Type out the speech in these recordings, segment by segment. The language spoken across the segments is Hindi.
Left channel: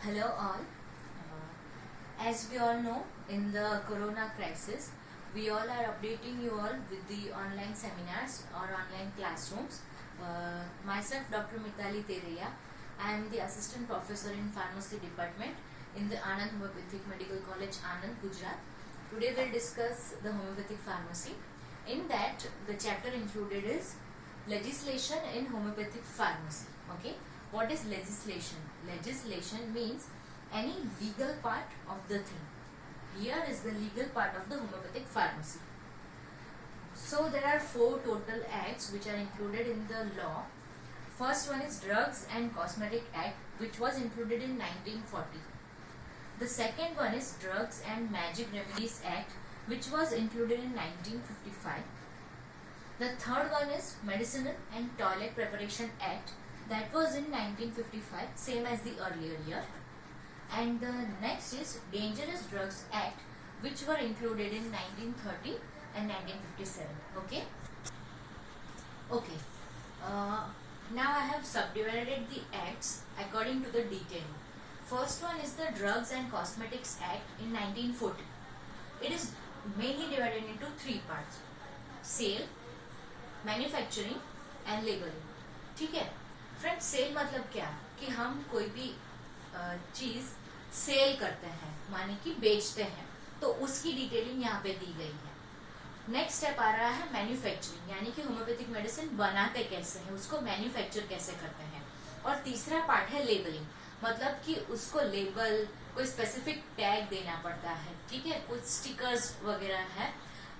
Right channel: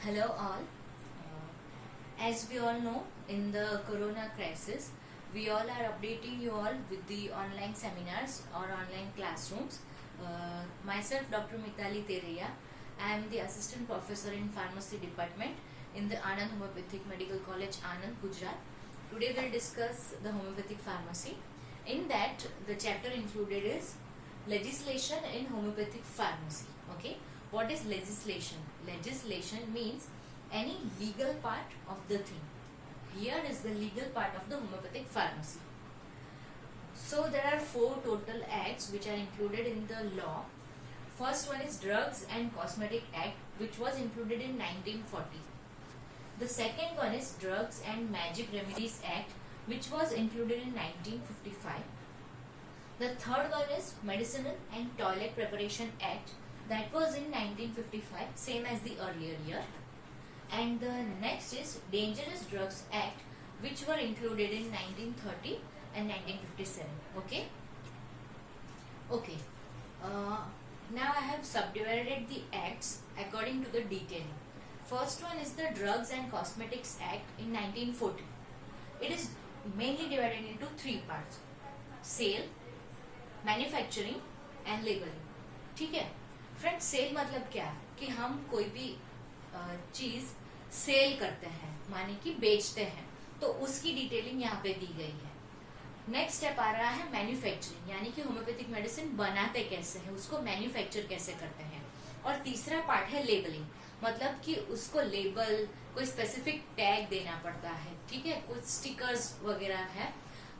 Hello all. As we all know, in the corona crisis, we all are updating you all with the online seminars or online classrooms. Myself, Dr. Mitali Tereya, I am the assistant professor in pharmacy department in the Anand Homeopathic Medical College, Anand, Gujarat. Today we'll discuss the homeopathic pharmacy. In that, the chapter included is legislation in homeopathic pharmacy. Okay, what is legislation? Legislation means any legal part of the thing. Here is the legal part of the homeopathic pharmacy. So there are 4 total acts which are included in the law. First one is Drugs and Cosmetic Act, which was included in 1940. The second one is Drugs and Magic Remedies Act, which was included in 1955. The third one is Medicinal and Toilet Preparation Act, that was in 1955, same as the earlier year. And the next is Dangerous Drugs Act, which were included in 1930 and 1957. Okay. Now I have subdivided the acts according to the detailing. First one is the Drugs and Cosmetics Act in 1940. It is mainly divided into 3 parts: sale, manufacturing and labelling. ठीक है फ्रेंड्स, सेल मतलब क्या कि हम कोई भी चीज सेल करते हैं, माने कि बेचते हैं, तो उसकी डिटेलिंग यहाँ पे दी गई है. नेक्स्ट स्टेप आ रहा है मैन्युफैक्चरिंग, यानी कि होम्योपैथिक मेडिसिन बनाते कैसे हैं, उसको मैन्युफैक्चर कैसे करते हैं. और तीसरा पार्ट है लेबलिंग, मतलब कि उसको लेबल, कोई स्पेसिफिक टैग देना पड़ता है. ठीक है, कुछ स्टिकर्स वगैरह है,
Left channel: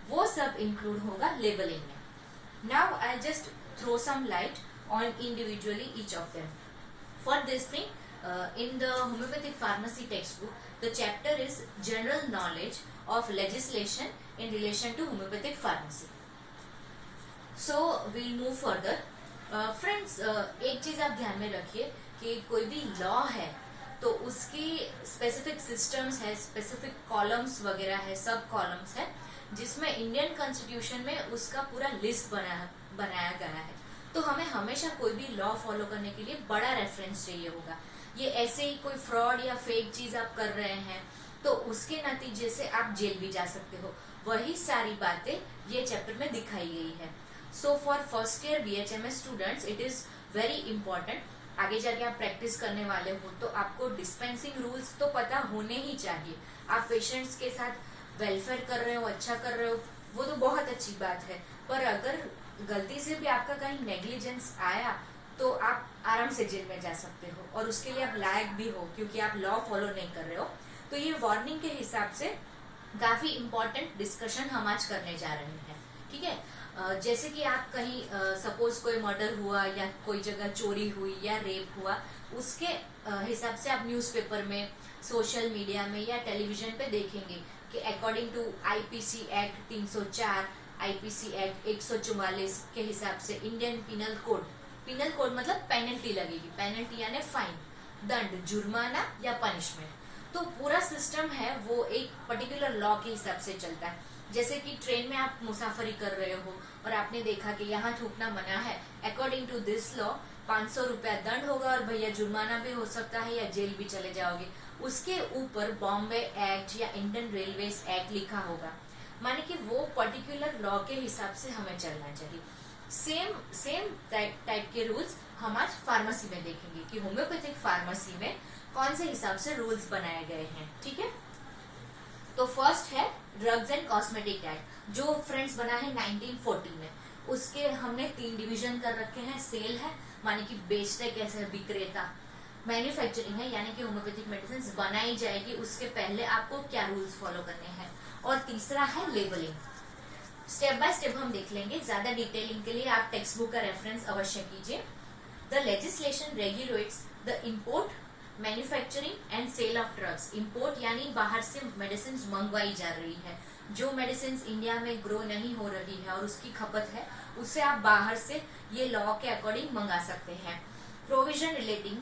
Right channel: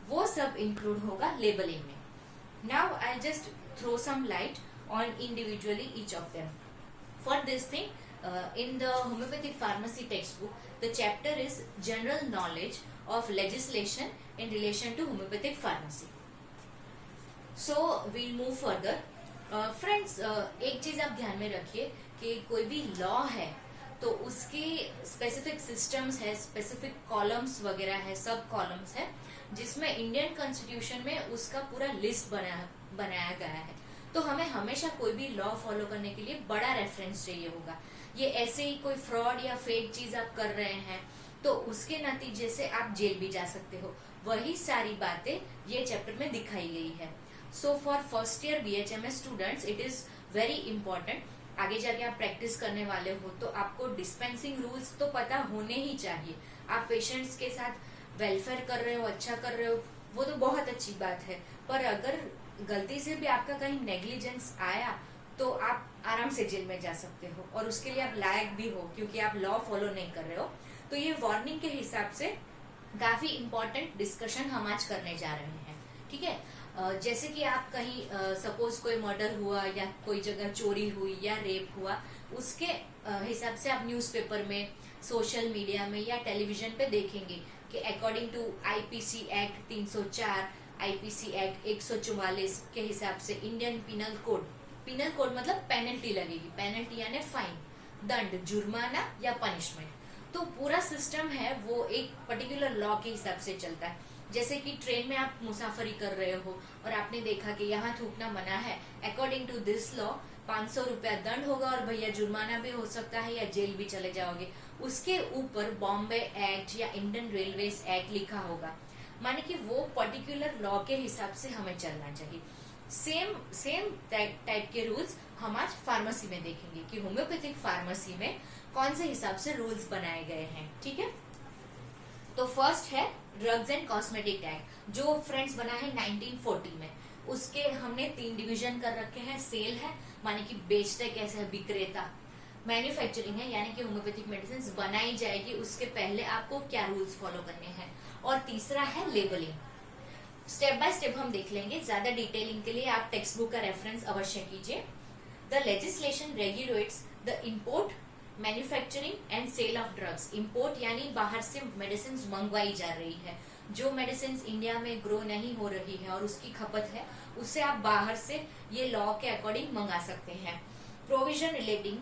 वो सब इंक्लूड होगा लेबलिंग में. Now I'll just throw some light on individually each of them. For this thing, in the homeopathic pharmacy textbook, the chapter is General Knowledge of Legislation in relation to homeopathic pharmacy. So we'll move further. Friends, एक चीज आप ध्यान में रखिए कि कोई भी लॉ है तो उसकी स्पेसिफिक सिस्टम्स है, स्पेसिफिक कॉलम्स वगैरह है, सब कॉलम्स है, जिसमें इंडियन कॉन्स्टिट्यूशन में उसका पूरा लिस्ट बनाया गया है. तो हमें हमेशा कोई भी लॉ फॉलो करने के लिए बड़ा रेफरेंस चाहिए होगा. ये ऐसे ही कोई फ्रॉड या फेक चीज आप कर रहे हैं तो उसके नतीजे से आप जेल भी जा सकते हो. वही सारी बातें ये चैप्टर में दिखाई गई है. So for first year BHMS students it is very important. आगे जाके आप प्रैक्टिस करने वाले हो तो आपको डिस्पेंसिंग रूल्स तो पता होने ही चाहिए. आप पेशेंट्स के साथ वेलफेयर कर रहे हो, अच्छा कर रहे हो, वो तो बहुत अच्छी बात है, पर अगर गलती से भी आपका कहीं नेग्लिजेंस आया तो आप आराम से जेल में जा सकते हो, और उसके लिए आप लायक भी हो क्योंकि आप लॉ फॉलो नहीं कर रहे हो. तो ये वार्निंग के हिसाब से काफी इम्पोर्टेंट डिस्कशन हम आज करने जा रहे हैं. ठीक है, जैसे कि आप कहीं सपोज कोई मर्डर हुआ या कोई जगह चोरी हुई या रेप हुआ, उसके हिसाब से आप न्यूज़पेपर में, सोशल मीडिया में या टेलीविजन पे देखेंगे कि according to IPC act 304, IPC act 144 के हिसाब से इंडियन पिनल कोड मतलब पेनल्टी लगेगी. पेनल्टी यानी फाइन, दंड, जुर्माना या पनिशमेंट. तो पूरा सिस्टम है वो एक पर्टिकुलर लॉ के हिसाब से चलता है. जैसे कि ट्रेन में आप मुसाफरी कर रहे हो और आपने देखा कि यहाँ थूकना मना है, अकॉर्डिंग टू दिस लॉ 500 रुपया दंड होगा और भैया जुर्माना भी हो सकता है या जेल भी चले जाओगे. उसके ऊपर बॉम्बे एक्ट या इंडियन रेलवेज एक्ट लिखा होगा, माने कि वो पर्टिकुलर लॉ के हिसाब से हमें चलना चाहिए. सेम टाइप के रूल्स हम आज फार्मेसी में देखेंगे कि होम्योपैथिक फार्मेसी में कौन से हिसाब से रूल्स बनाए गए हैं. ठीक है, तो फर्स्ट है ड्रग्स एंड कॉस्मेटिक एक्ट, जो फ्रेंड्स बना है 1940 में. उसके हमने 3 डिवीजन कर रखे हैं. सेल है, माने कि बेचते कैसे, विक्रेता. मैन्युफैक्चरिंग है, यानी कि होम्योपैथिक मेडिसिन बनाई जाएगी उसके पहले आपको क्या रूल्स फॉलो करने हैं. और तीसरा है लेबलिंग. स्टेप बाय स्टेप हम देख लेंगे. ज्यादा डिटेलिंग के लिए आप टेक्स्ट बुक का रेफरेंस अवश्य कीजिए. The legislation regulates the import, manufacturing and sale of drugs. Import यानी बाहर से मेडिसिन मंगवाई जा रही है. जो मेडिसिन इंडिया में ग्रो नहीं हो रही है और उसकी खपत है, उससे आप बाहर से ये लॉ के अकॉर्डिंग मंगा सकते हैं. Provision relating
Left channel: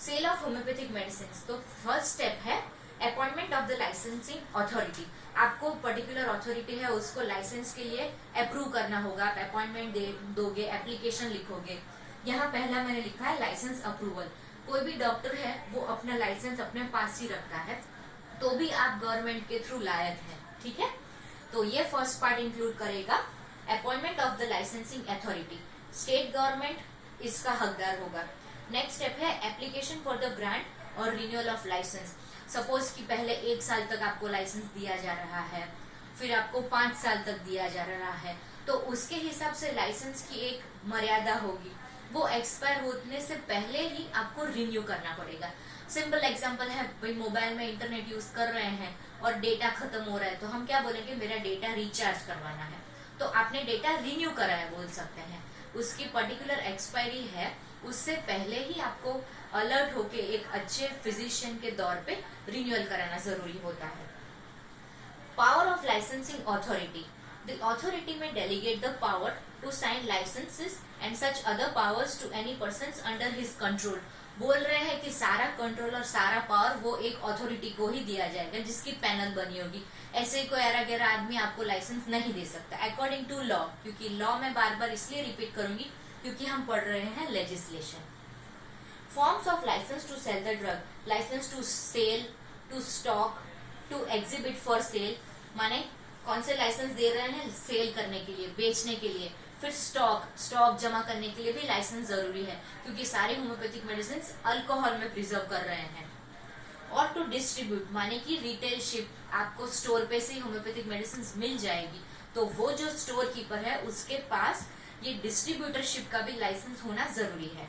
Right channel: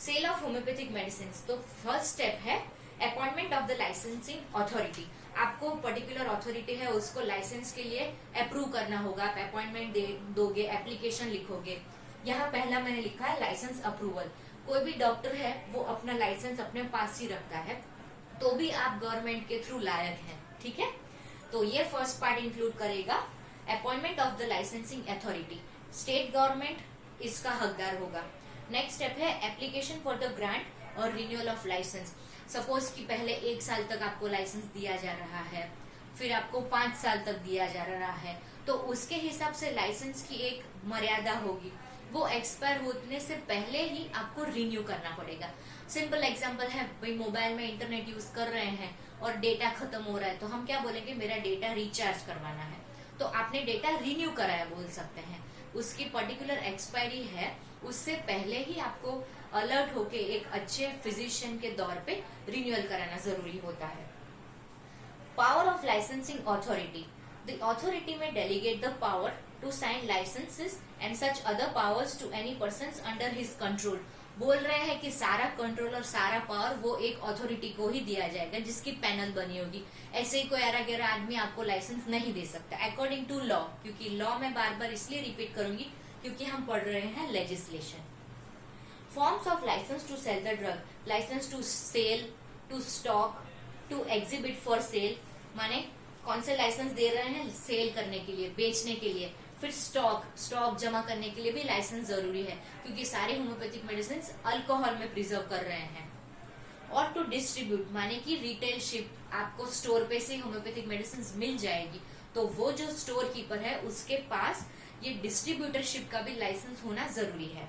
sale of homoeopathic medicine. तो फर्स्ट स्टेप है appointment of the licensing authority. आपको पर्टिकुलर अथॉरिटी है उसको लाइसेंस के लिए अप्रूव करना होगा. आप अपॉइंटमेंट दोगे, एप्लीकेशन लिखोगे. यहाँ पहला मैंने लिखा है लाइसेंस अप्रूवल. कोई भी डॉक्टर है वो अपना लाइसेंस अपने पास ही रखता है, तो भी आप गवर्नमेंट के थ्रू लायक हैं, ठीक है। तो ये फर्स्ट पार्ट इंक्लूड करेगा appointment of the licensing authority, state government इसका हकदार होगा। नेक्स्ट स्टेप है एप्लीकेशन फॉर द ग्रांट और रिन्यूअल ऑफ लाइसेंस। सपोज कि पहले 1 साल तक आपको लाइसेंस दिया जा रहा है, फिर आपको 5 साल तक दिया जा रहा है, तो उसके हिसाब से लाइसेंस की एक मर्यादा होगी, वो एक्सपायर होने से पहले ही आपको रिन्यू करना पड़ेगा। सिंपल एग्जांपल है, भाई मोबाइल में इंटरनेट यूज कर रहे हैं और डेटा खत्म हो रहा है, तो हम क्या बोलेंगे, मेरा डेटा रिचार्ज करवाना है, तो आपने डेटा रिन्यू कराया बोल सकते हैं। उसकी पर्टिकुलर एक्सपायरी है, उससे पहले ही आपको अलर्ट होके एक अच्छे फिजिशियन के दौर पे रिन्यूअल कराना जरूरी होता है। Power of licensing authority, the authority may delegate the power to sign licenses and such other powers to any person under his control. बोल रहे हैं कि सारा कंट्रोल और सारा पावर वो एक अथॉरिटी को ही दिया जाएगा जिसकी पैनल बनी होगी। ऐसे ही कोई अरा गहरा आदमी आपको लाइसेंस नहीं दे सकता अकॉर्डिंग टू लॉ, क्योंकि लॉ में बार बार इसलिए रिपीट करूंगी क्योंकि हम पढ़ रहे हैं legislation. Forms of licence to sell the drug, licence to sell, to stock, to exhibit for sale, माने कौन से लाइसेंस दे रहे हैं, सेल करने के लिए, बेचने के लिए। फिर स्टॉक जमा करने के लिए भी लाइसेंस जरूरी है, क्योंकि सारे होम्योपैथिक मेडिसिन अल्कोहल में प्रिजर्व कर रहे हैं। और टू डिस्ट्रीब्यूट, माने कि रिटेल शिप, आपको स्टोर पे से होम्योपैथिक मेडिसिन मिल जाएगी, तो वो जो स्टोर कीपर है उसके पास ये डिस्ट्रीब्यूटरशिप का भी लाइसेंस होना जरूरी है।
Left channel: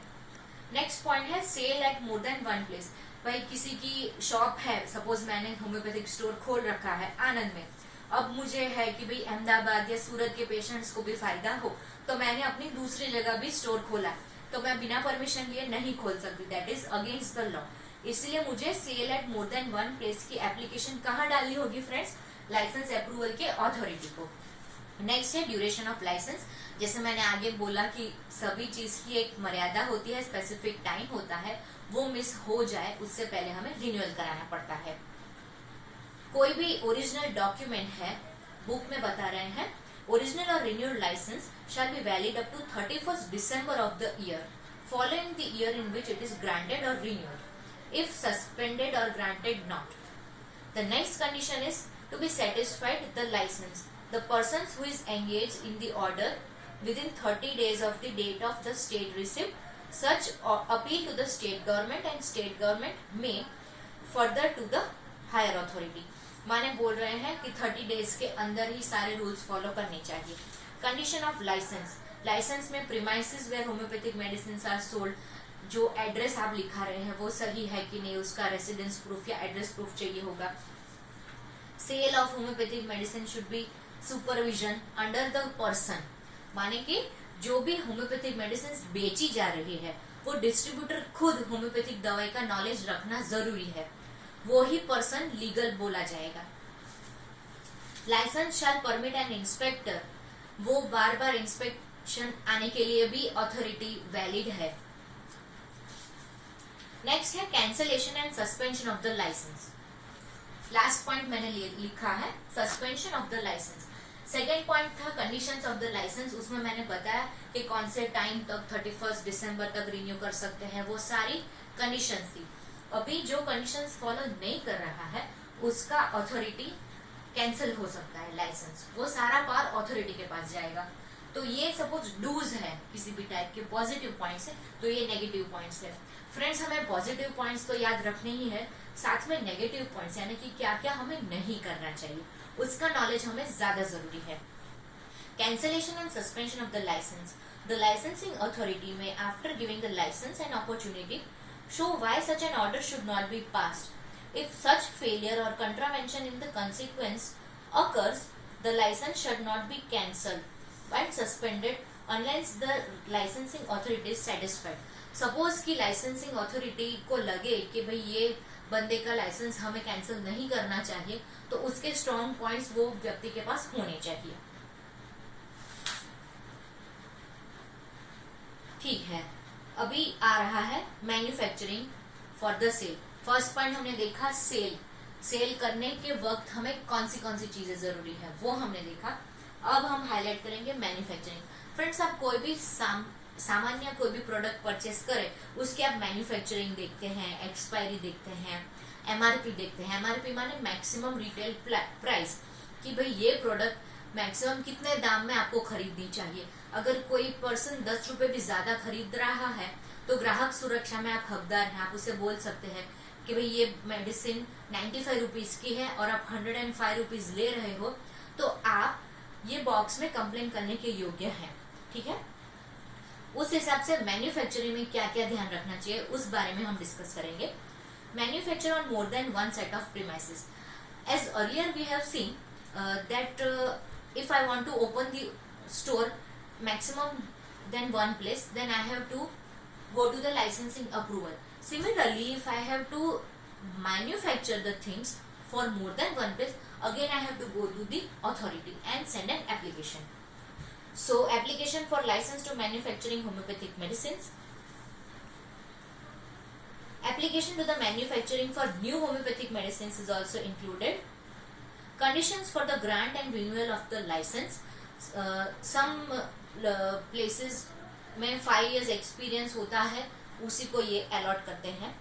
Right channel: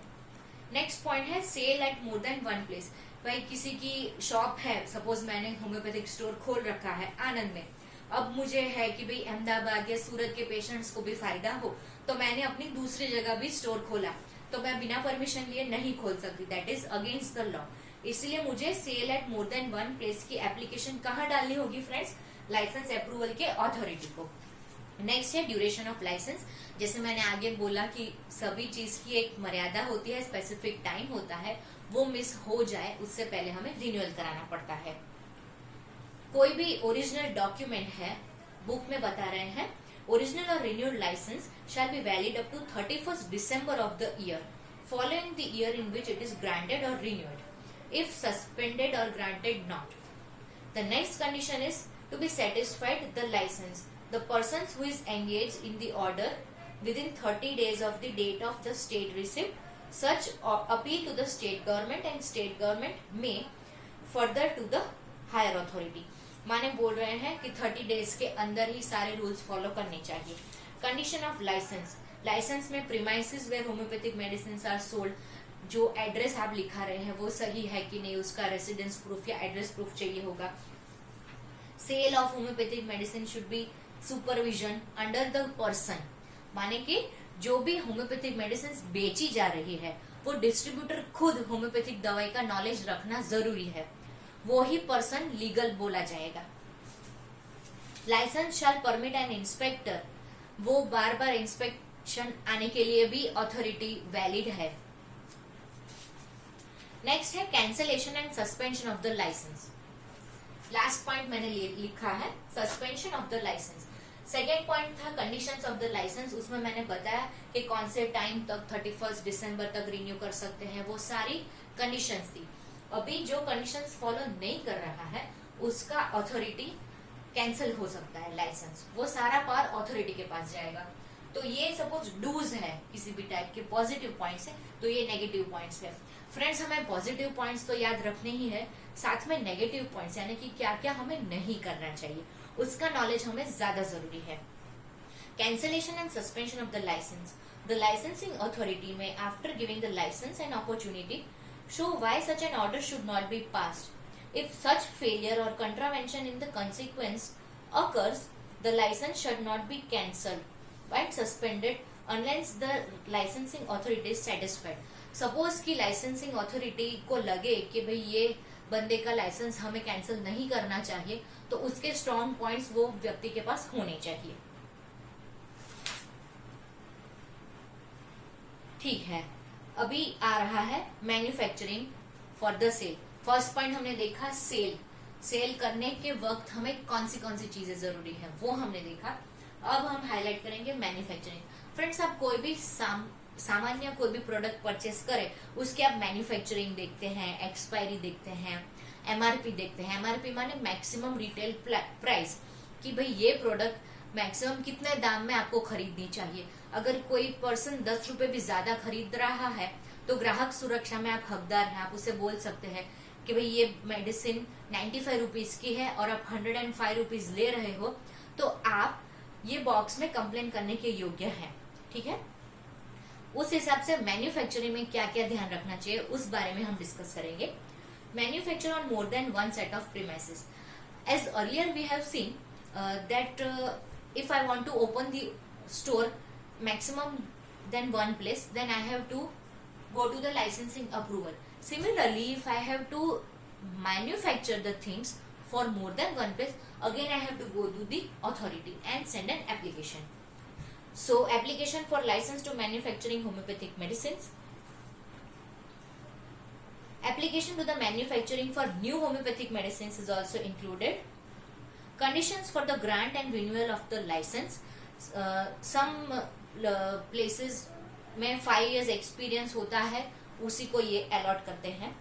नेक्स्ट पॉइंट है sale at more than one place. भाई किसी की शॉप है, सपोज मैंने होम्योपैथिक स्टोर खोल रखा है आनंद में, अब मुझे है कि भाई अहमदाबाद या सूरत के पेशेंट्स को भी फायदा हो, तो मैंने अपनी दूसरी जगह भी स्टोर खोला, तो मैं बिना परमिशन लिए नहीं खोल सकती, that is against the law. इसलिए मुझे sale at more than one place की एप्लीकेशन कहाँ डालनी होगी फ्रेंड्स, लाइसेंस अप्रूवल के अथॉरिटी को। नेक्स्ट है ड्यूरेशन ऑफ लाइसेंस। जैसे मैंने आगे बोला कि सभी चीज की एक मर्यादा होती है, स्पेसिफिक टाइम होता है, वो मिस हो जाए उससे पहले हमें रिन्यूअल कराना पड़ता है। कोई भी ओरिजिनल डॉक्यूमेंट है, बुक में बता रहे हैं, ओरिजिनल और renewal licence shall be valid up to 31st December of the year following the year in which it is granted or renewed, if suspended or granted not. The next condition is to be satisfied the license. The persons who is engaged in the order within 30 days of the date of the state receipt such appeal to the state government and state government may further to the higher authority. माने बोल रहे हैं कि 30 डेज के अंदर ही सारे रूल्स फॉलो करने चाहिए। कंडीशन ऑफ लाइसेंस, लाइसेंस में premises where homoeopathic medicine are sold, जो एड्रेस आप लिखा रहे हैं वो सही है कि नहीं, उसका रेसिडेंस प्रूफ या एड्रेस प्रूफ चाहिए होगा। Sale of homoeopathic medicine should be supervision under the person, माने कि जो भी होम्योपैथिक मेडिसिन बेची जा रही है वो डिस्ट्रीब्यूटर खुद होम्योपैथिक दवाई का नॉलेज रखना जरूरी है, वो ही पर्सन लीगल बोला जाएगा। Licence shall permit an inspector, वो बार बार इंस्पेक्शन आने के लिए भी अथॉरिटी वैलिड है। नेक्स्ट है cancellation and suspension of the licence. Last point मैंने लिखा है suspension of the licence. Second point था कंडीशंस ऑफ द लाइसेंस, उसमें मैंने बताया कि कौन से टाइम तक 31 दिसंबर तक रिन्यू कर सकते हैं, वो सारी कंडीशंस थी। अभी जो कंडीशंस फॉलो नहीं कर रहा है उसका अथॉरिटी कैंसिल हो सकता है लाइसेंस, वो सारा पावर अथॉरिटी के पास जाएगा। तो ये सपोज डूज है किसी भी टाइप के, पॉजिटिव पॉइंट्स है, तो ये नेगेटिव पॉइंट्स है। फ्रेंड्स हमें पॉजिटिव पॉइंट्स तो याद रखने ही है, साथ में नेगेटिव पॉइंट्स यानी कि क्या क्या हमें नहीं करना चाहिए उसका नॉलेज हमें ज्यादा जरूरी है। Cancellation and suspension of the license, the licensing authority may after giving the license and opportunity show why such an order should not be passed. If such failure or contravention in the consequence occurs, the license should not be cancelled and suspended unless the licensing authority is satisfied. Suppose कि licensing authority को लगे कि भाई ये बंदे का लाइसेंस हमें कैंसिल नहीं करना चाहिए, तो उसके स्ट्रॉन्ग पॉइंट्स वो व्यक्ति के पास होने चाहिए। ठीक है, अभी आ रहा है manufacturing for the sale. First point हमने देखा सेल करने के वक्त हमें कौन सी चीजें जरूरी है वो हमने देखा। अब हम हाईलाइट करेंगे मैन्युफैक्चरिंग। फ्रेंड्स आप कोई भी सामान्य कोई भी प्रोडक्ट परचेस करें उसके आप मैन्युफैक्चरिंग देखते हैं, एक्सपायरी देखते हैं, एमआरपी देखते हैं। एमआरपी माने मैक्सिमम रिटेल प्राइस, कि भाई ये प्रोडक्ट मैक्सिमम कितने दाम में आपको खरीदनी चाहिए। अगर कोई पर्सन 10 रुपए भी ज्यादा खरीद रहा है तो ग्राहक सुरक्षा में आप हकदार हैं, आप उसे बोल सकते हैं कि भाई ये मेडिसिन 95 रुपीज की है और आप 105 रुपीज ले रहे हो, तो आप ये बॉक्स में कंप्लेन करने के योग्य हैं। ठीक है, उस हिसाब से मैन्युफैक्चरिंग में क्या क्या ध्यान रखना चाहिए उस बारे में हम डिस्कस करेंगे। Manufacture on more than one set of premises. As earlier we have seen that if I want to open the store maximum than one place, then I have to go to the licensing approval. Similarly, if I have to manufacture the things for more than one place, again I have to go to the authority and send an application. So application for license to manufacturing homeopathic medicines. Application to the manufacturing for new homeopathic medicines is also included. Conditions for the grant and renewal of the license. Some places में 5 years एक्सपीरियंस होता है, उसी को ये अलॉट करते हैं।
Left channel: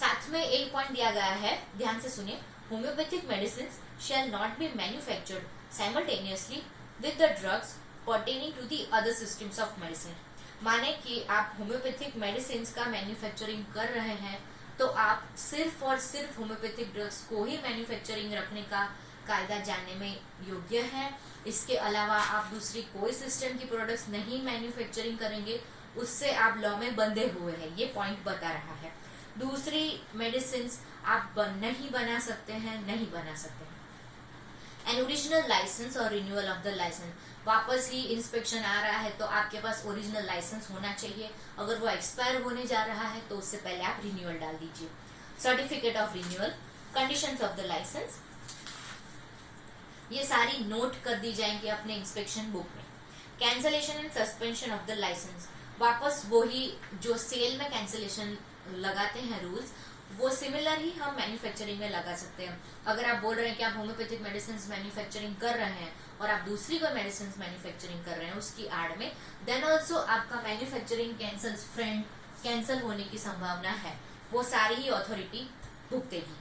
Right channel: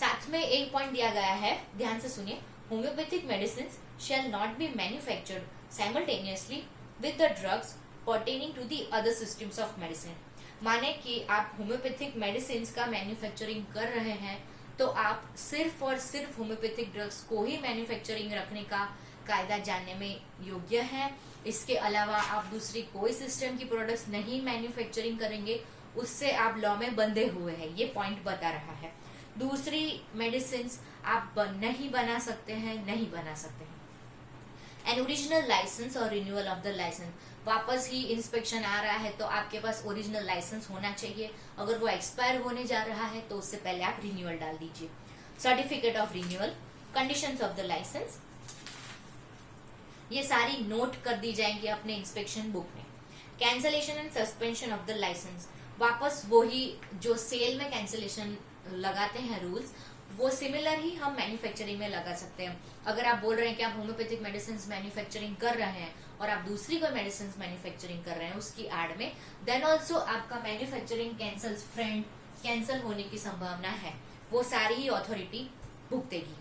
साथ में एक पॉइंट दिया गया है, ध्यान से सुनिए। Homeopathic medicine shall not be manufactured simultaneously with the drugs pertaining to the other systems of medicine. माने कि आप होम्योपैथिक मेडिसिन का मैन्युफैक्चरिंग कर रहे हैं तो आप सिर्फ और सिर्फ होम्योपैथिक ड्रग्स को ही मैन्युफैक्चरिंग रखने का कायदा जानने में योग्य है। इसके अलावा आप दूसरी कोई सिस्टम की प्रोडक्ट्स नहीं मैन्युफैक्चरिंग करेंगे, उससे आप लॉ में बंधे हुए हैं, ये पॉइंट बता रहा है। दूसरी मेडिसिन आप नहीं बना सकते हैं, नहीं बना सकते हैं। एन ओरिजिनल लाइसेंस और रिन्यूअल ऑफ द लाइसेंस, वापस ही इंस्पेक्शन आ रहा है तो आपके पास ओरिजिनल लाइसेंस होना चाहिए। अगर वो एक्सपायर होने जा रहा है तो उससे पहले आप रिन्यूअल डाल दीजिए। Certificate of renewal, conditions of the licence, ये सारी नोट कर दी जाएंगी अपने इंस्पेक्शन बुक में। Cancellation and suspension of the licence, वापस वही जो सेल में कैंसलेशन लगाते हैं रूल्स, वो सिमिलर ही हम मैन्युफैक्चरिंग में लगा सकते हैं। अगर आप बोल रहे हैं कि आप होम्योपैथिक मेडिसिन मैन्युफैक्चरिंग कर रहे हैं और आप दूसरी कोई मेडिसिन मैन्युफैक्चरिंग कर रहे हैं उसकी आड़ में, देन ऑल्सो आपका मैन्युफैक्चरिंग कैंसल होने की संभावना है, वो सारी ही अथॉरिटी भुगतेगी।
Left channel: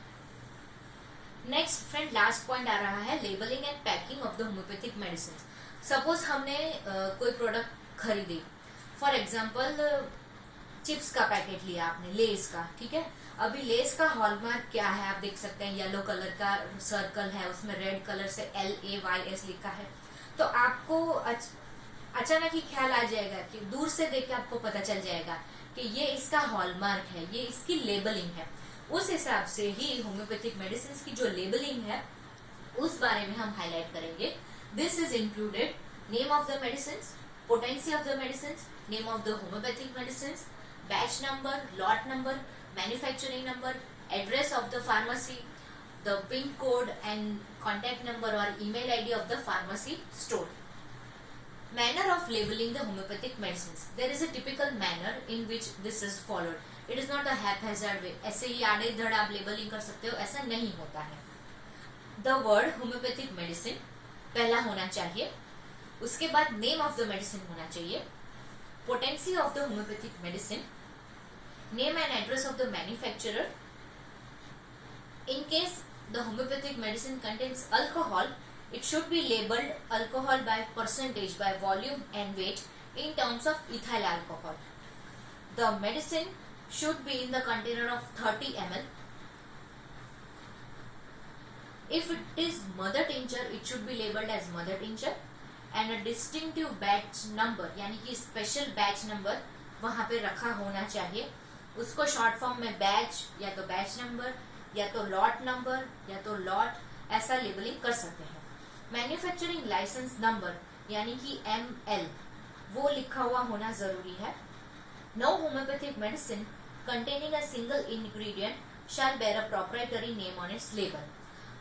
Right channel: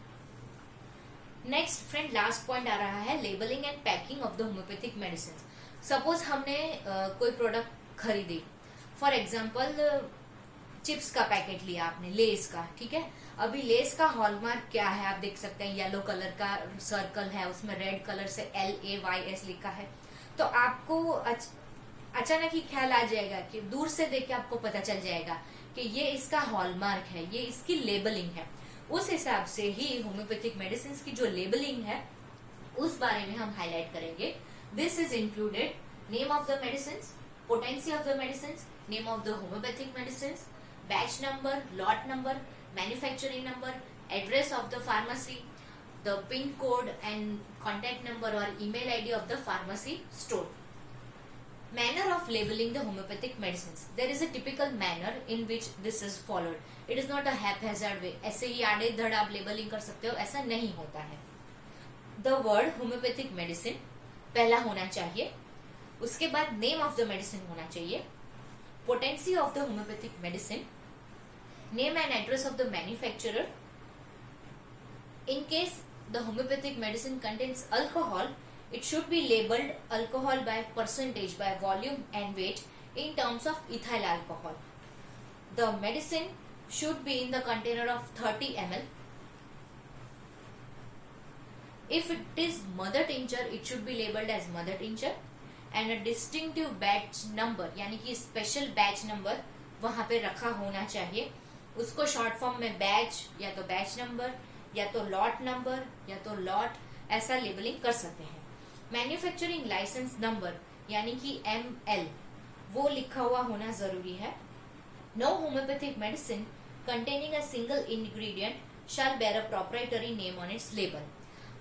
नेक्स्ट फ्रेंड, लास्ट पॉइंट आ रहा है labeling and packing of the homeopathic medicine. Suppose हमने कोई प्रोडक्ट खरीदी, फॉर एग्जाम्पल चिप्स का पैकेट लिया आपने, लेस का, ठीक है। अभी लेस का हॉलमार्क क्या है आप देख सकते हैं, येलो कलर का सर्कल है, उसमें रेड कलर से LAYS लिखा है। तो आपको अचानक ही ख्याल आ जाएगा कि दूर से देख के आपको पता चल जाएगा कि ये इसका हॉलमार्क है, ये इसकी लेबलिंग है। उस हिसाब से ही होम्योपैथिक मेडिसिन की जो लेबलिंग है उस बारे में हम हाईलाइट करेंगे। This is included name of the medicine, potency of the medicine, name of the homeopathic medicine, batch number, lot number, manufacturing number, address of the pharmacy, the PIN code and contact number or email ID of the pharmacy store. Manner of labeling the homeopathic medicines. There is a typical manner in which this is followed. It is not a haphazard way. ऐसे ही आड़े धड़ आप लेबलिंग कर सकते हो, ऐसा नहीं होता है। The word homeopathic medicine पहला होना चाहिए, उसके बाद name of the medicine होना चाहिए, potency of the homeopathic medicine, name and address of the manufacturer. In case the homeopathic medicine contains alcohol, it should be labeled alcohol by percentage, by volume and weight in terms of ethyl alcohol. The medicine should be in the container of 30 ml. If it is mother tincture, it should be labeled as mother tincture and a distinctive batch number, यानी कि स्पेशल बैच नंबर वहां पे रखा होना चाहिए। उसको शॉर्ट फॉर्म में बैच या तो बैच नंबर या तो लॉट नंबर या तो लॉट, ऐसा लेबलिंग कर सकते हैं। मैन्युफैक्चरिंग लाइसेंस नंबर यानी कि ML वो लिखा हुआ होना जरूरी है। No homoeopathic medicine containing a single ingredient shall bear a proprietary name on its label.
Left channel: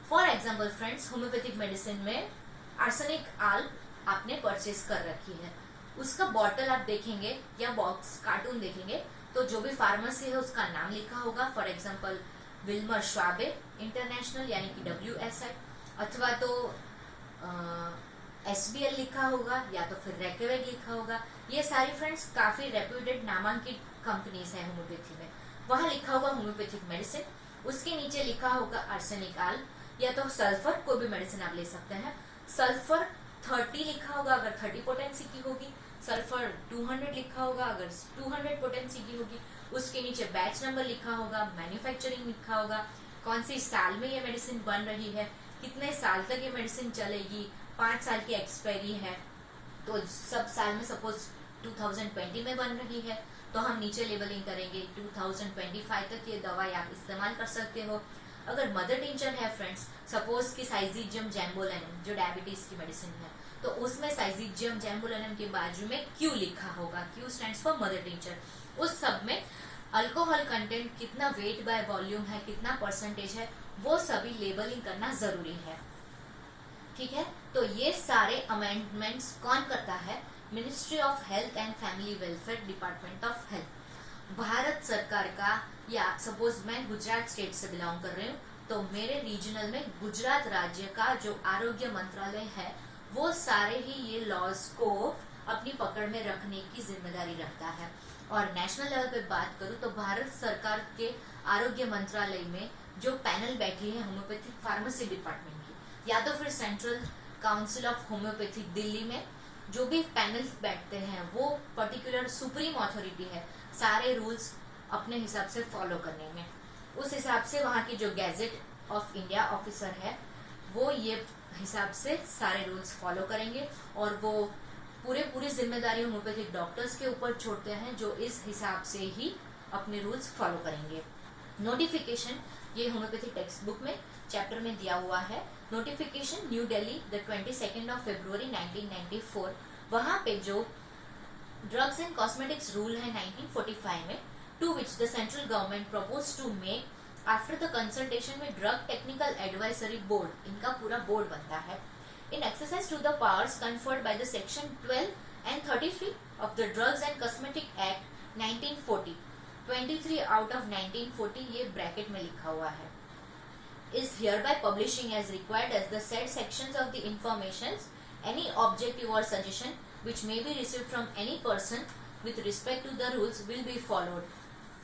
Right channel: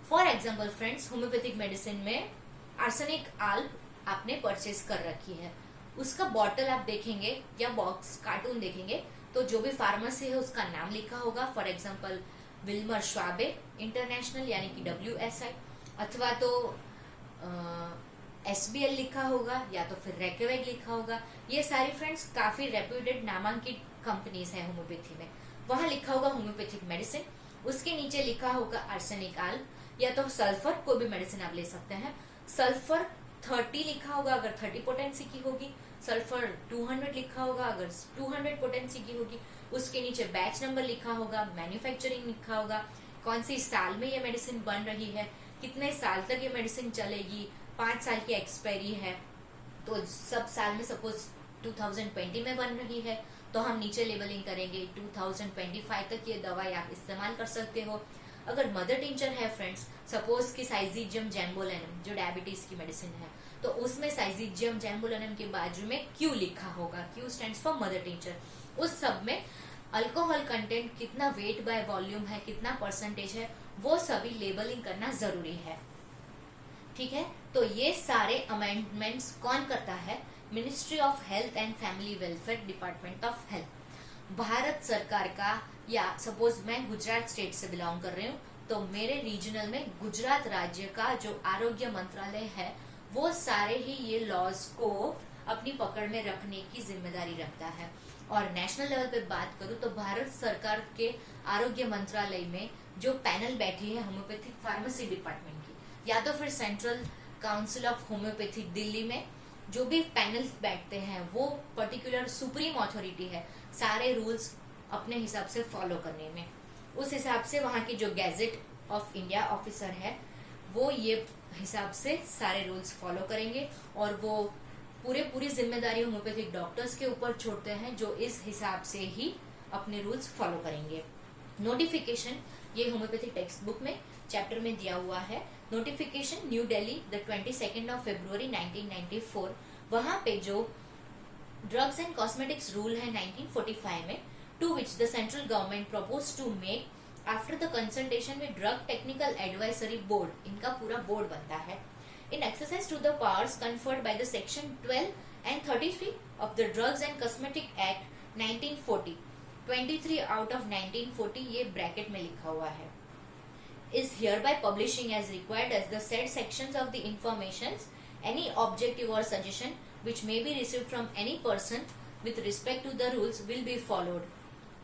For example friends, homoeopathic medicine में आर्सेनिक आल्प आपने परचेज कर रखी है, उसका बॉटल आप देखेंगे या बॉक्स कार्टून देखेंगे तो जो भी फार्मेसी है उसका नाम लिखा होगा। For example Wilmer Schwabe international यानी कि WSI, अथवा तो SBL लिखा होगा या तो फिर रेकेवेग लिखा होगा। ये सारी फ्रेंड्स काफी रेप्यूटेड नामांकित कंपनीज है होम्योपैथी में। वहां लिखा होगा होम्योपैथिक मेडिसिन, उसके नीचे लिखा होगा आर्सेनिक आल या तो सल्फर, कोई भी मेडिसिन आप ले सकते हैं। सल्फर 30 लिखा होगा अगर 30 पोटेंसी की होगी, सल्फर 200 लिखा होगा अगर 200 पोटेंसी की होगी। उसके नीचे बैच नंबर लिखा होगा, मैन्युफैक्चरिंग लिखा होगा, कौन सी साल में ये मेडिसिन बन रही है, कितने साल तक ये मेडिसिन चलेगी, 5 साल की एक्सपायरी है तो सब साल में सपोज 2020 में बन रही है तो हम नीचे लेबलिंग करेंगे 2025 तक ये दवाई आप इस्तेमाल कर सकते हो। अगर मदर टिंचर है फ्रेंड्स, सपोज कि साइजिजियम जैम्बोलेनम जो डायबिटीज की मेडिसिन है, तो उसमें साइजिजियम जैम्बोलेनम के बाजू में क्यू लिखा होगा, Q stands for mother tincture. उस सब में अल्कोहल कंटेंट कितना, वेट बाय वॉल्यूम है, कितना परसेंटेज है, वो सभी लेबलिंग करना जरूरी है। ठीक है, तो ये सारे अमेंडमेंट्स कौन करता है? Ministry of health and family welfare, department of health, Bharat सरकार का। या सपोज मैं गुजरात स्टेट से बिलोंग कर रही हूँ तो मेरे रीजनल में गुजरात राज्य का जो आरोग्य मंत्रालय है वो सारे ही ये लॉज को अपनी पकड़ में रखने की जिम्मेदारी रखता है। और नेशनल लेवल पे बात करूँ तो भारत सरकार के आरोग्य मंत्रालय में जो पैनल बैठी है होम्योपैथिक फार्मेसी डिपार्टमेंट की, या तो फिर central council of homeopathy Delhi में जो भी पैनल्स बैठते हैं वो पर्टिकुलर सुप्रीम अथॉरिटी है सारे रूल्स अपने हिसाब से फॉलो करने में। उस हिसाब से वहां की जो गैजेट ऑफ इंडिया ऑफिसर है वो ये हिसाब से सारे रूल्स फॉलो करेंगे और वो पूरी जिम्मेदारी होम्योपैथिक डॉक्टर्स के ऊपर छोड़ते हैं जो इस हिसाब से ही अपने रूल्स फॉलो करेंगे। नोटिफिकेशन ये होम्योपैथिक टेक्स्ट बुक में चैप्टर में दिया हुआ है। Notification new Delhi the 22 of February 1994, वहां पे जो ड्रग्स एंड कॉस्मेटिक्स रूल है 1945 में, to which the central government propose to make after the consultation में ड्रग टेक्निकल एडवाइजरी बोर्ड, इनका पूरा बोर्ड बनता है। In exercise to the powers conferred by the section 12 and 33 of the drugs and cosmetic act 1940, 23 out of 1940 ये ब्रैकेट में लिखा हुआ है, is hereby publishing as required as the said sections of the informations, any objective or suggestion which may be received from any person with respect to the rules will be followed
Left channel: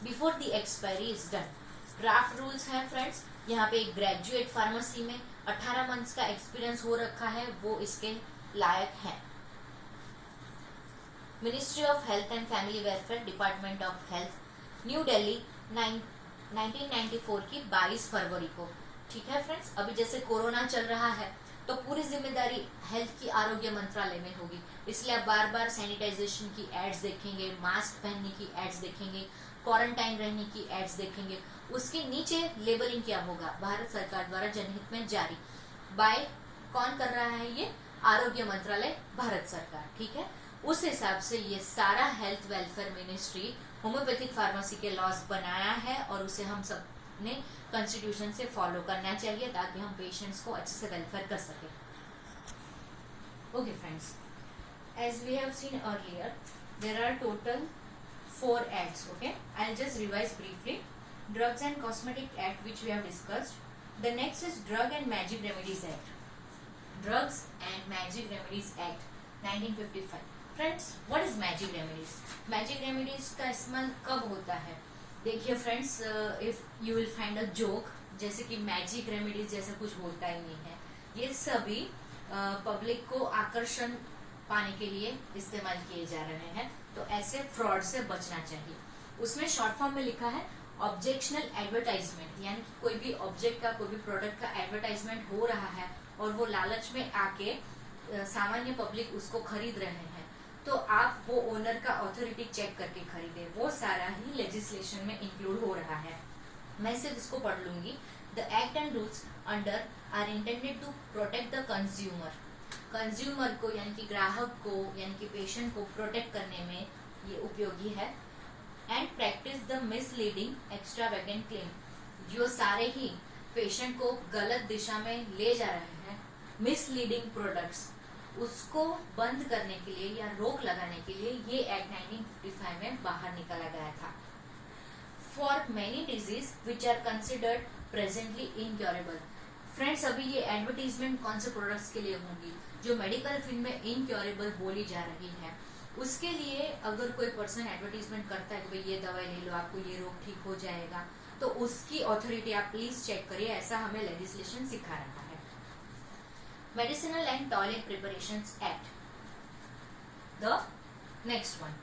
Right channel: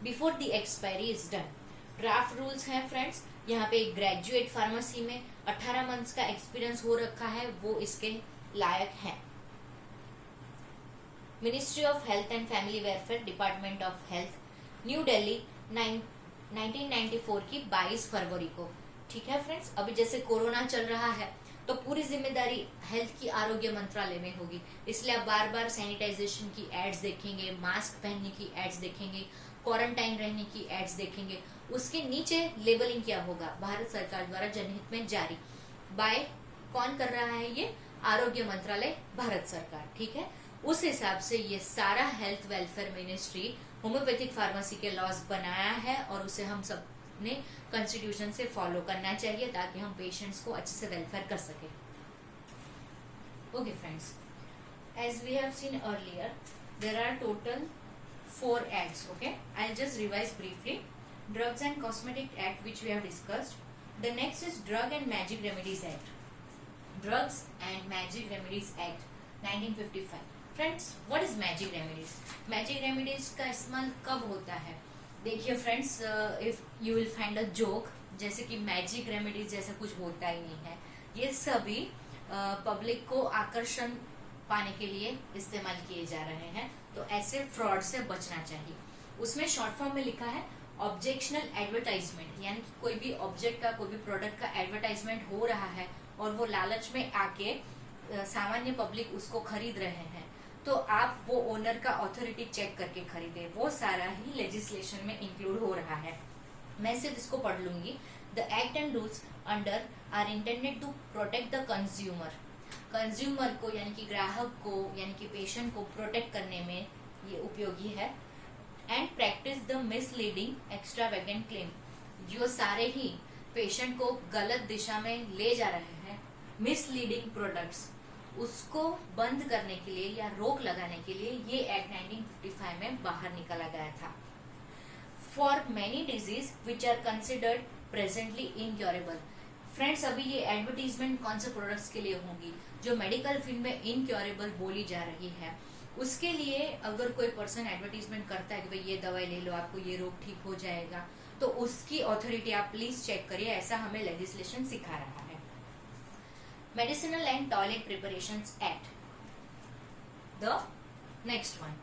before the expiry is done। Draft rules हैं फ्रेंड्स, यहाँ पे ग्रेजुएट फार्मेसी में 18 मंथ्स का एक्सपीरियंस हो रखा है वो इसके लायक है। Ministry of health and family welfare, department of health, new Delhi 1994 की 22 फरवरी को। ठीक है फ्रेंड्स, अभी जैसे कोरोना चल रहा है तो पूरी जिम्मेदारी हेल्थ की आरोग्य मंत्रालय में होगी, इसलिए आप बार बार सैनिटाइजेशन की एड्स देखेंगे, मास्क पहनने की एड्स देखेंगे, क्वारंटाइन रहने की एड्स देखेंगे। उसके नीचे लेबलिंग क्या होगा? भारत सरकार द्वारा जनहित में जारी, बाय कौन कर रहा है? ये आरोग्य मंत्रालय, भारत सरकार। ठीक है, उस हिसाब से ये सारा health welfare ministry homeopathic pharmacy के लॉज बनाया है और उसे हम सब ने कॉन्स्टिट्यूशन से फॉलो करना चाहिए ताकि हम पेशेंट्स को अच्छे से वेलफेयर कर सके। Okay friends, as we have seen earlier there are total 4 acts. Okay, I'll just revise briefly. Drugs and Cosmetic Act, which we have discussed. The next is Drug and Magic Remedies Act. Drugs and Magic Remedies Act 1955. Friends, what is Magic Remedies? Magic Remedies का इस्तेमाल कब होता है? देखिए friends, if you will find a joke, जैसे कि मैजिक रेमेडीज जैसा कुछ होता ही नहीं है, ये सभी पब्लिक को आकर्षण पाने के लिए इस्तेमाल किए जा रहे हैं, तो ऐसे फ्रॉड से बचना चाहिए। उसमें शॉर्ट फॉर्म में लिखा है ऑब्जेक्शनल एडवर्टाइजमेंट, यानी कि कोई भी ऑब्जेक्ट का, कोई भी प्रोडक्ट का एडवर्टाइजमेंट हो रहा है और वो लालच में आके सामान्य पब्लिक उसको खरीद रहे हैं, तो आप वो ओनर का ऑथोरिटी चेक करके खरीदे। वो सारा ही लेजिस्लेशन में इंक्लूड हो रहा है। मैं सिर्फ इसको पढ़ लूंगी। The act and rules under are intended to protect the consumer, consumer को यानी कि ग्राहक को यानी कि पेशेंट को प्रोटेक्ट करने में ये उपयोगी है। And practice the misleading extravagant claim, जो सारे ही पेशेंट को गलत दिशा में ले जा रहे हैं, मिसलीडिंग प्रोडक्ट्स, उसको बंद करने के लिए या रोक लगाने के लिए ये एक्ट 1955 में बाहर निकाला गया था। For many disease which are considered presently incurable, friends अभी ये एडवर्टीजमेंट कौन से प्रोडक्ट्स के लिए होंगी, जो मेडिकल फील्ड में इनक्योरेबल बोली जा रही है, उसके लिए अगर कोई पर्सन एडवर्टीजमेंट करता है कि भाई ये दवाई ले लो आपको ये रोग ठीक हो जाएगा, तो उसकी ऑथोरिटी आप प्लीज चेक करिए, ऐसा हमें लेजिस्लेशन सिखा रहा है। Medicinal and toilet preparations act, the next one,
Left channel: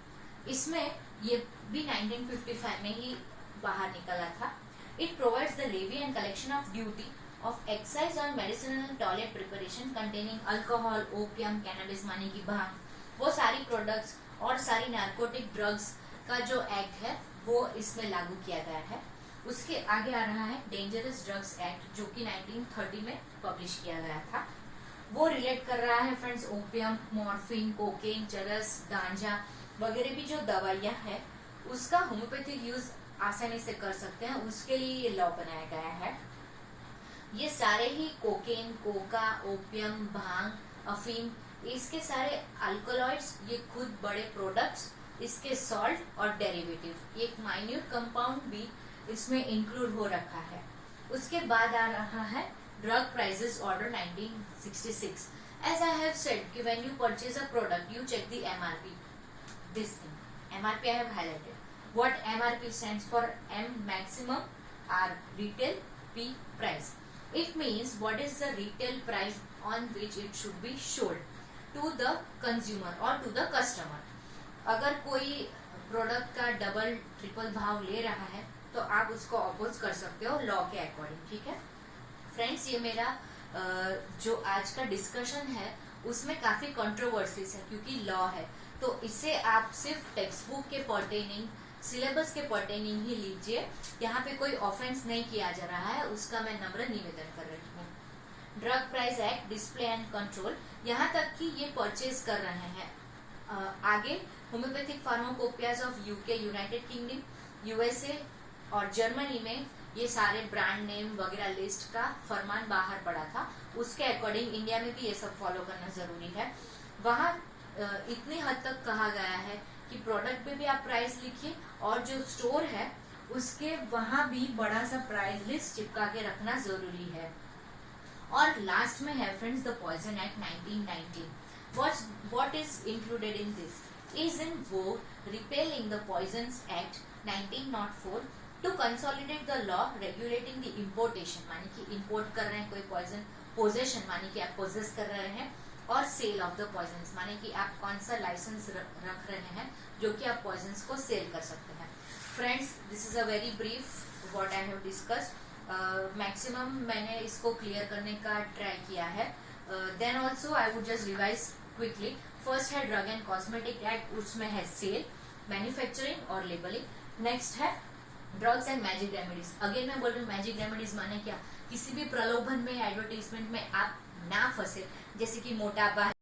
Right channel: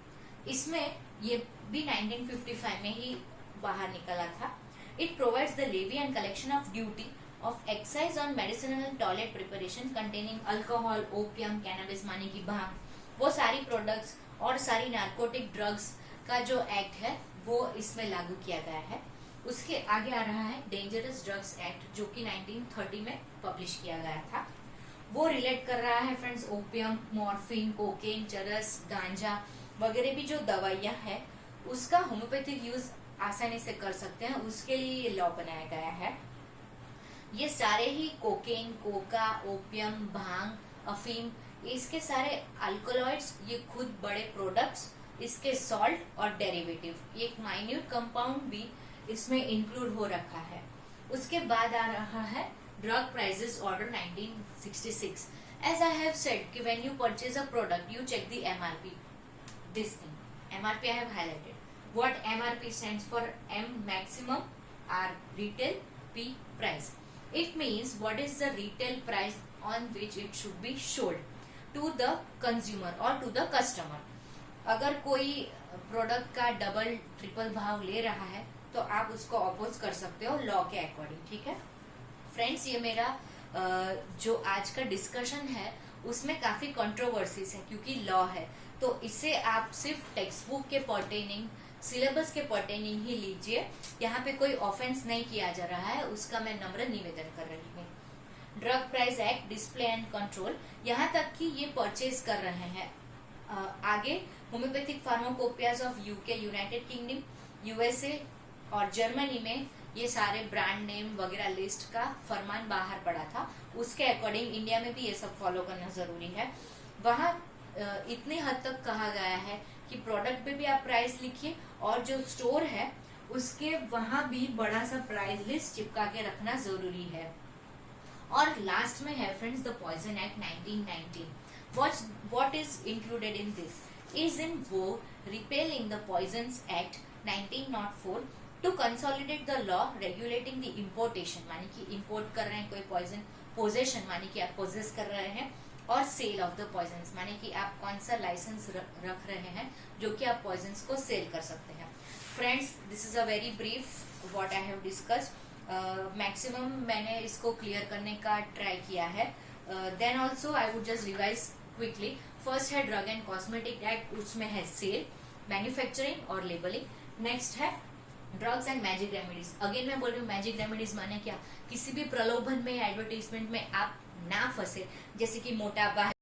इसमें ये भी 1955 में ही बाहर निकला था। It provides the levy and collection of duty of excise on medicinal toilet preparation containing alcohol, opium, cannabis माने की भांग, वो सारी प्रोडक्ट्स और सारी नार्कोटिक ड्रग्स का जो एक्ट है वो इसमें लागू किया गया है। उसके आगे आ रहा है डेंजरस ड्रग्स एक्ट, जो कि 1930 में पब्लिश किया गया था। वो रिलेट कर रहा है फ्रेंड्स ओपियम, मॉर्फिन, कोकेन, चरस, गांजा वगैरह भी जो दवाइयां है उसका होम्योपैथिक यूज आसानी से कर सकते हैं, उसके लिए ये लॉ बनाया गया है। ये सारे ही कोकेन, कोका, ओपियम, भांग, अफीम, इसके सारे अल्कोलॉइड्स, ये खुद बड़े प्रोडक्ट्स, इसके सॉल्ट और डेरिवेटिव, एक माइन्यूट कंपाउंड भी इसमें इंक्लूड हो रखा है। उसके बाद आ रहा है drug prices order 1966। As I have said कि when you purchase a product you check the MRP, this thing MRP I have highlighted. What MRP stands for, M maximum, R retail, P price. It means what is the retail price on which it should be sold to the consumer or to the customer. अगर कोई प्रोडक्ट का डबल ट्रिपल भाव ले रहा है तो आप उसको अपोज कर सकते हो लॉ के अकॉर्डिंग, ठीक है फ्रेंड्स। ये मेरा जो आज का डिस्कशन है उसमें काफी कंट्रोवर्सीज है क्योंकि लॉ है, तो इसे आप सिर्फ टेक्स्ट बुक के पर्टेनिंग, सिलेबस के पर्टेनिंग ही लीजिए, यहाँ पे कोई ऑफेंस नहीं किया जा रहा है, उसका मैं नम्र निवेदन कर रही हूँ। Drug price act, display and control, यहाँ तक कि ये परचेज कर रहे हैं। आगे homeopathic pharmacopoeias of UK, United kingdom, USA और जर्मनी में ये सारे ब्रांड नेम वगैरह लिस्ट का फरमान बाहर पड़ा था, उसके अकॉर्डिंग इंडिया में भी ये सब फॉलो करना जरूरी है। वहाँ इतनी हद तक कहा गया है कि प्रोडक्ट पे भी आप प्राइस लिखिए और जो स्टोर है उसके वहां भी बड़ा सा प्राइस लिस्ट चिपका के रखना जरूरी है। और लास्ट में है friends the poison act 1919। What is included in this is in वो repealing the poisons act 1904 to consolidate the law regulating the importation, मानी कि इम्पोर्ट कर रहे हैं कोई पॉइजन, पोजेशन मानी कि आप पोजेस कर रहे हैं, और सेल ऑफ द पॉइजन्स माने कि आप कौन सा लाइसेंस रख रहे हैं जो कि आप पॉइजन्स को सेल कर सकते हैं। Friends this is a very brief what I have discussed, maximum मैंने इसको क्लियर करने का ट्राई किया है। Then also I would just revise quickly. First है ड्रग एंड कॉस्मेटिक एक्ट, उसमें है सेल, मैन्युफैक्चरिंग और लेबलिंग। नेक्स्ट है drugs and magic remedies. Again मैं बोल रही हूँ मैजिक रेमेडीज माने क्या, किसी भी प्रलोभन में एडवर्टीजमेंट में आप ना फंसे, जैसे कि मोटापा है,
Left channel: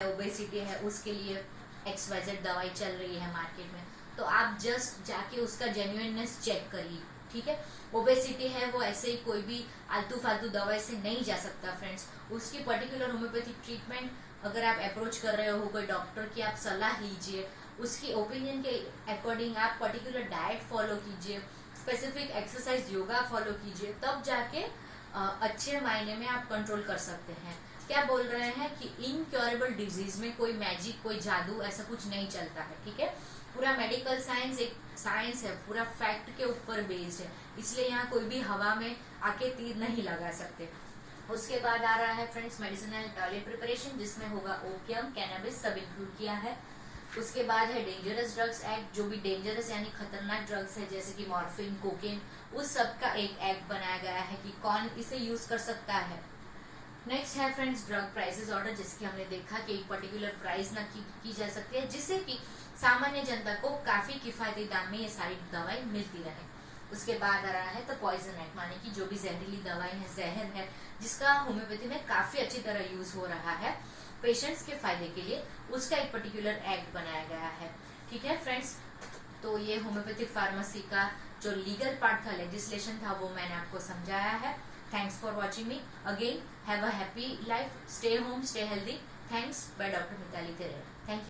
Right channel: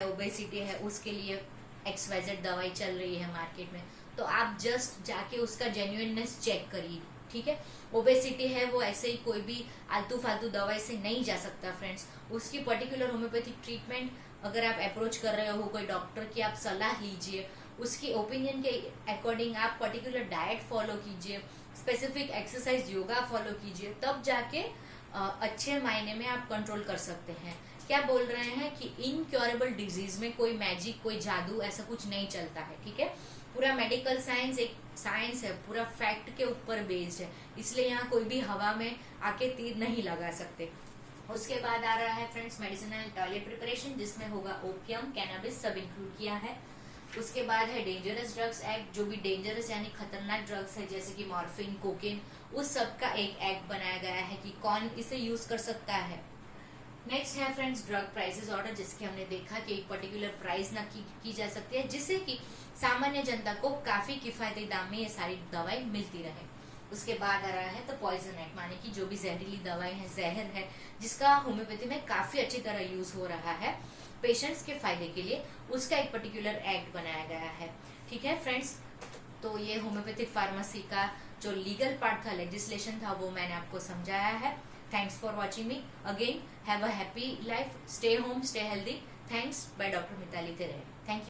ओबेसिटी है, उसके लिए XYZ दवाई चल रही है मार्केट में, तो आप जस्ट जाके उसका जेन्युइननेस चेक करिए, ठीक है। ओबेसिटी है वो ऐसे ही कोई भी आलतू फालतू दवाई से नहीं जा सकता फ्रेंड्स, उसकी पर्टिकुलर होम्योपैथिक ट्रीटमेंट अगर आप अप्रोच कर रहे हो कोई डॉक्टर की, आप सलाह लीजिए, उसकी ओपिनियन के अकॉर्डिंग आप पर्टिकुलर डाइट फॉलो कीजिए, स्पेसिफिक एक्सरसाइज योगा फॉलो कीजिए, तब जाके अच्छे मायने में आप कंट्रोल कर सकते हैं। क्या बोल रहे हैं कि इनक्योरेबल डिजीज में कोई मैजिक, कोई जादू ऐसा कुछ नहीं चलता है, ठीक है। पूरा मेडिकल साइंस एक साइंस है, पूरा फैक्ट के ऊपर बेस्ड है, इसलिए यहाँ कोई भी हवा में आके तीर नहीं लगा सकते। उसके बाद आ रहा है फ्रेंड्स मेडिसिनल टॉयलेट प्रिपरेशन, जिसमें होगा ओपियम, कैनबिस सब इंक्लूड किया है। उसके बाद है डेंजरस ड्रग्स एक्ट, जो भी डेंजरस यानी खतरनाक ड्रग्स है जैसे कि मॉर्फिन, कोकेन, उस सब का एक एक्ट बनाया गया है कि कौन इसे यूज कर सकता है। नेक्स्ट है फ्रेंड्स ड्रग प्राइसेस ऑर्डर, जिसके हमने देखा कि एक पर्टिकुलर प्राइस ना की जा सकती है, जिससे कि सामान्य जनता को काफी किफायती दाम में ये सारी दवाई मिलती रहे। उसके बाद आ रहा है द पॉइजन एक्ट, माने कि जो भी जहरीली दवाई है, जहर है, जिसका होम्योपैथी में काफी अच्छी तरह यूज हो रहा है पेशेंट्स के फायदे के लिए, उसका एक पर्टिकुलर एक्ट बनाया गया है, ठीक है फ्रेंड्स। तो ये होम्योपैथिक फार्मेसी का जो लीगल पार्ट था, लेजिस्लेशन था, वो मैंने आपको समझाया है। Thanks for watching me again. Have a happy life, stay home, stay healthy. Thanks, bye doctor Mitali तेरे।